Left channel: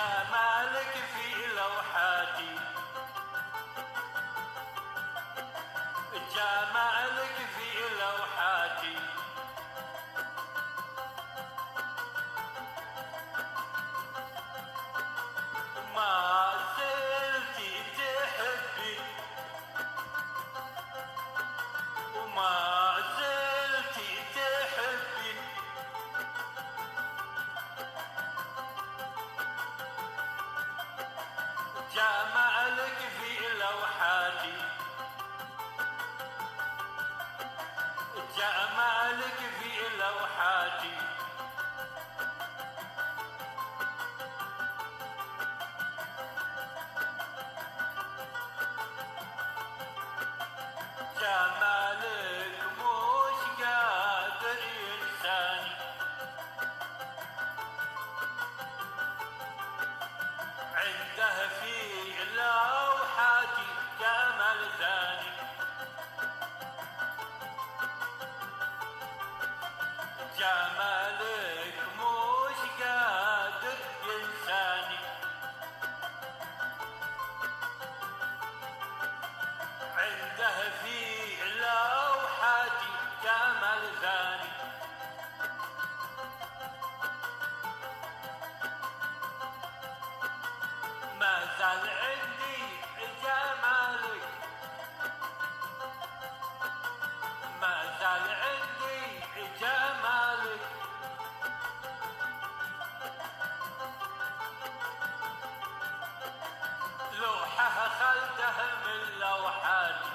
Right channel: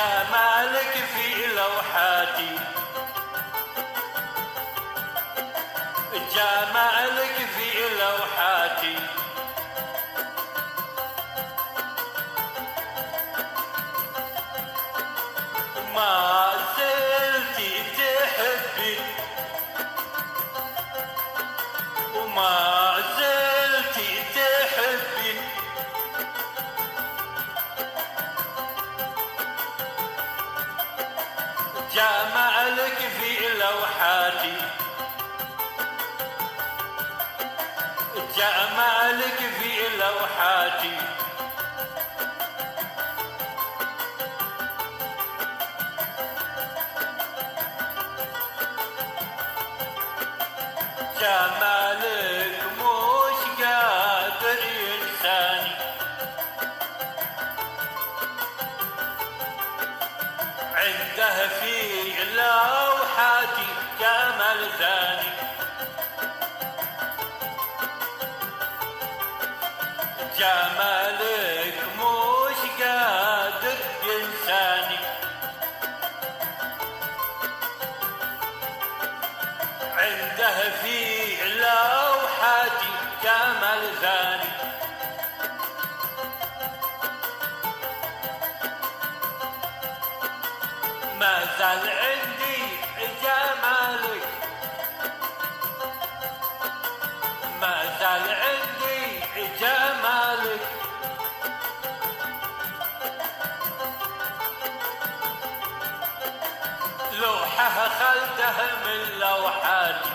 جمالك في لوحاتي، جمالك في لوحاتي، ما زلتي تحبي وما زلتي تحبي، جمالك في لوحاتي، جمالك في لوحاتي، جمالك مش قادر ينساني، عنده في لوحاتي جمال ثاني، جمالك مش قادر ينساني، عنده في لوحاتي جمال ثاني، ما زال عندي جمالك، ما زال عندي جمالك، لوحة خلده من لوحاتي،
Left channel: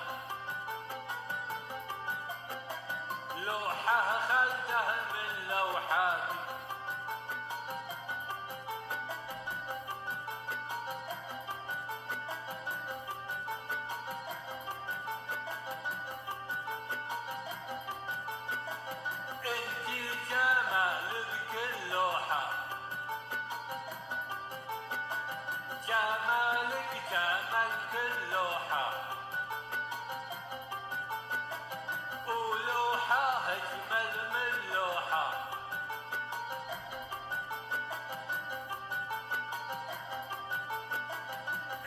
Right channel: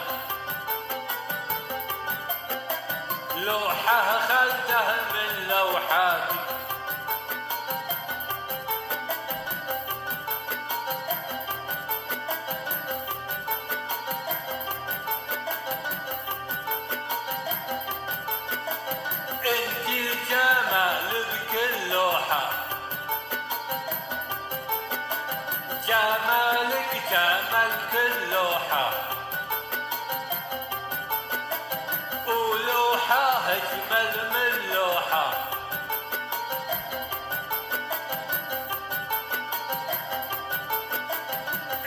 لوحة خلده من لوحاتي، انتي الجمال بكل لوحة، جمالك جمال كل لوحة، ولوحة أجمل من لوحة،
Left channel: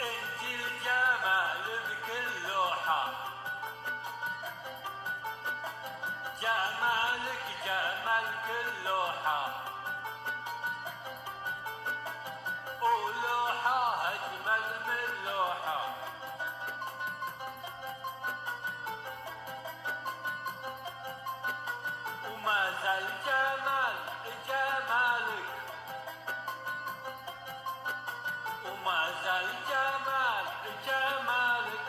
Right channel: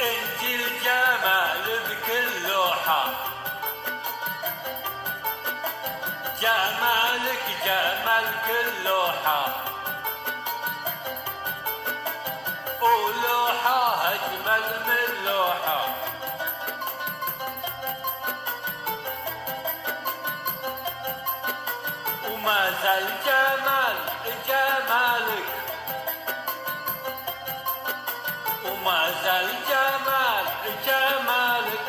انتي الجمال بكل لوحة، جمالك جمال كل لوحة، ولوحة أجمل من لوحة، وما زال جمال جمالك، وما زال جمال جمالك،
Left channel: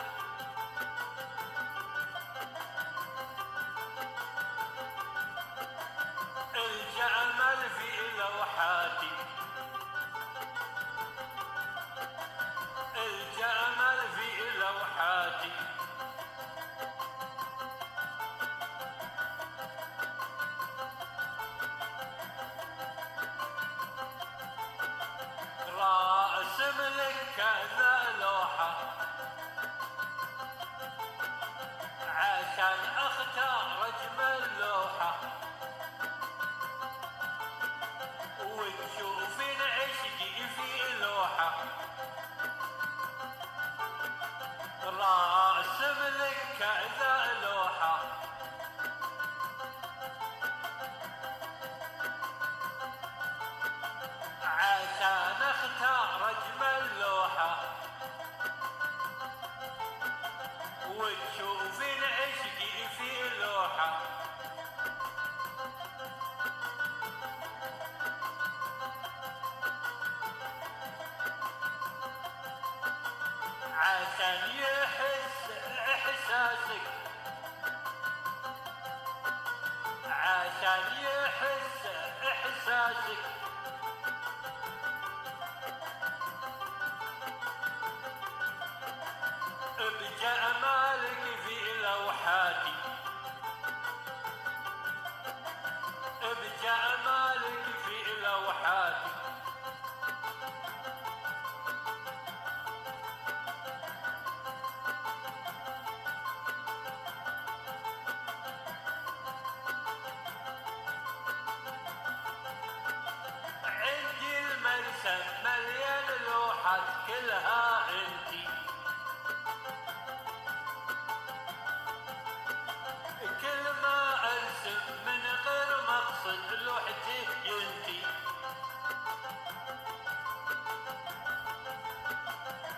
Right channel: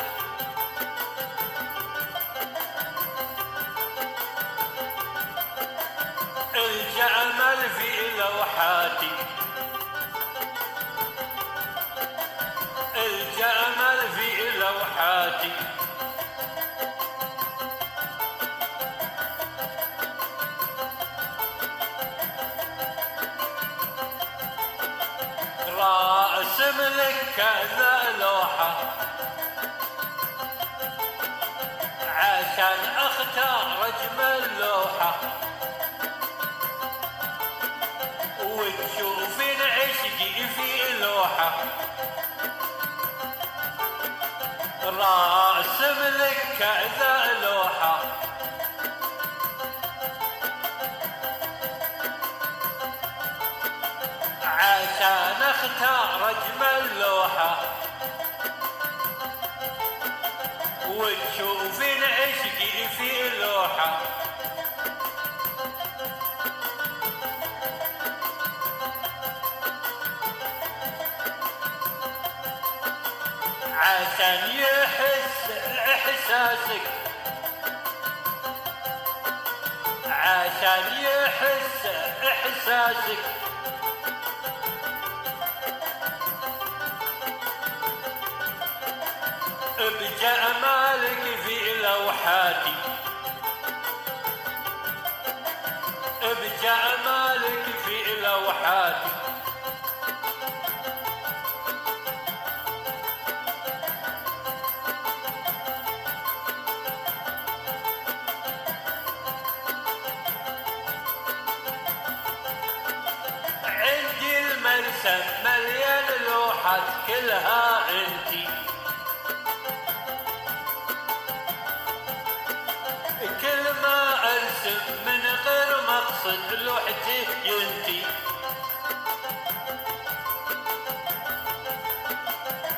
الجمال في لوحاتي، الجمال في لوحاتي، راسم لك كذا لوحة عشان اختار اجمل لوحة، وتشوفين عشقي في لوحة، راسم لك كذا لوحة عشان اختار اجمل لوحة، وتشوفين عشقي في لوحة، عشان يحس احساسك، عشان يحس احساسك، بجمالك في لوحاتي، بجمالك في لوحاتي، لوحات كلها انتي. كل ما ارسم من غير مقصد لوحتي ينتي.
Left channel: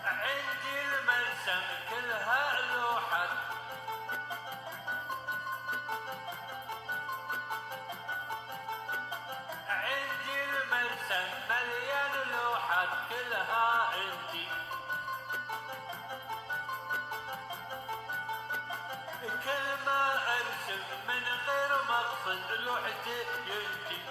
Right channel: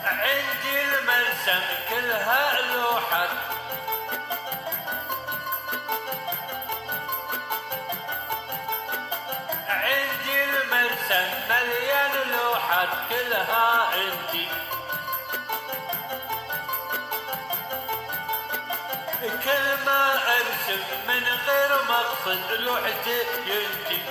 عندي المرسم كلها لوحات، عندي المرسم مليان لوحات كلها انتي. كل ما ارسم من غير مقصد لوحتي ينتي.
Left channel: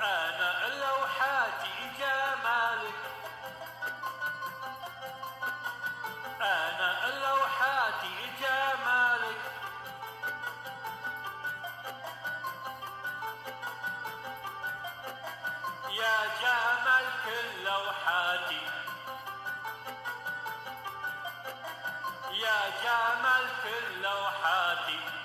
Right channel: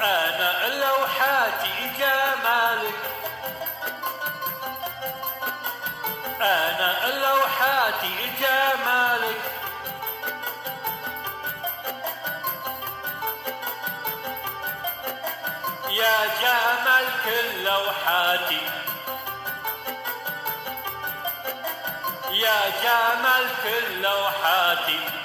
انا لوحاتي جمالك، انا لوحاتي جمالك. يا جمال كل لوحاتي، يا جمال كل لوحاتي.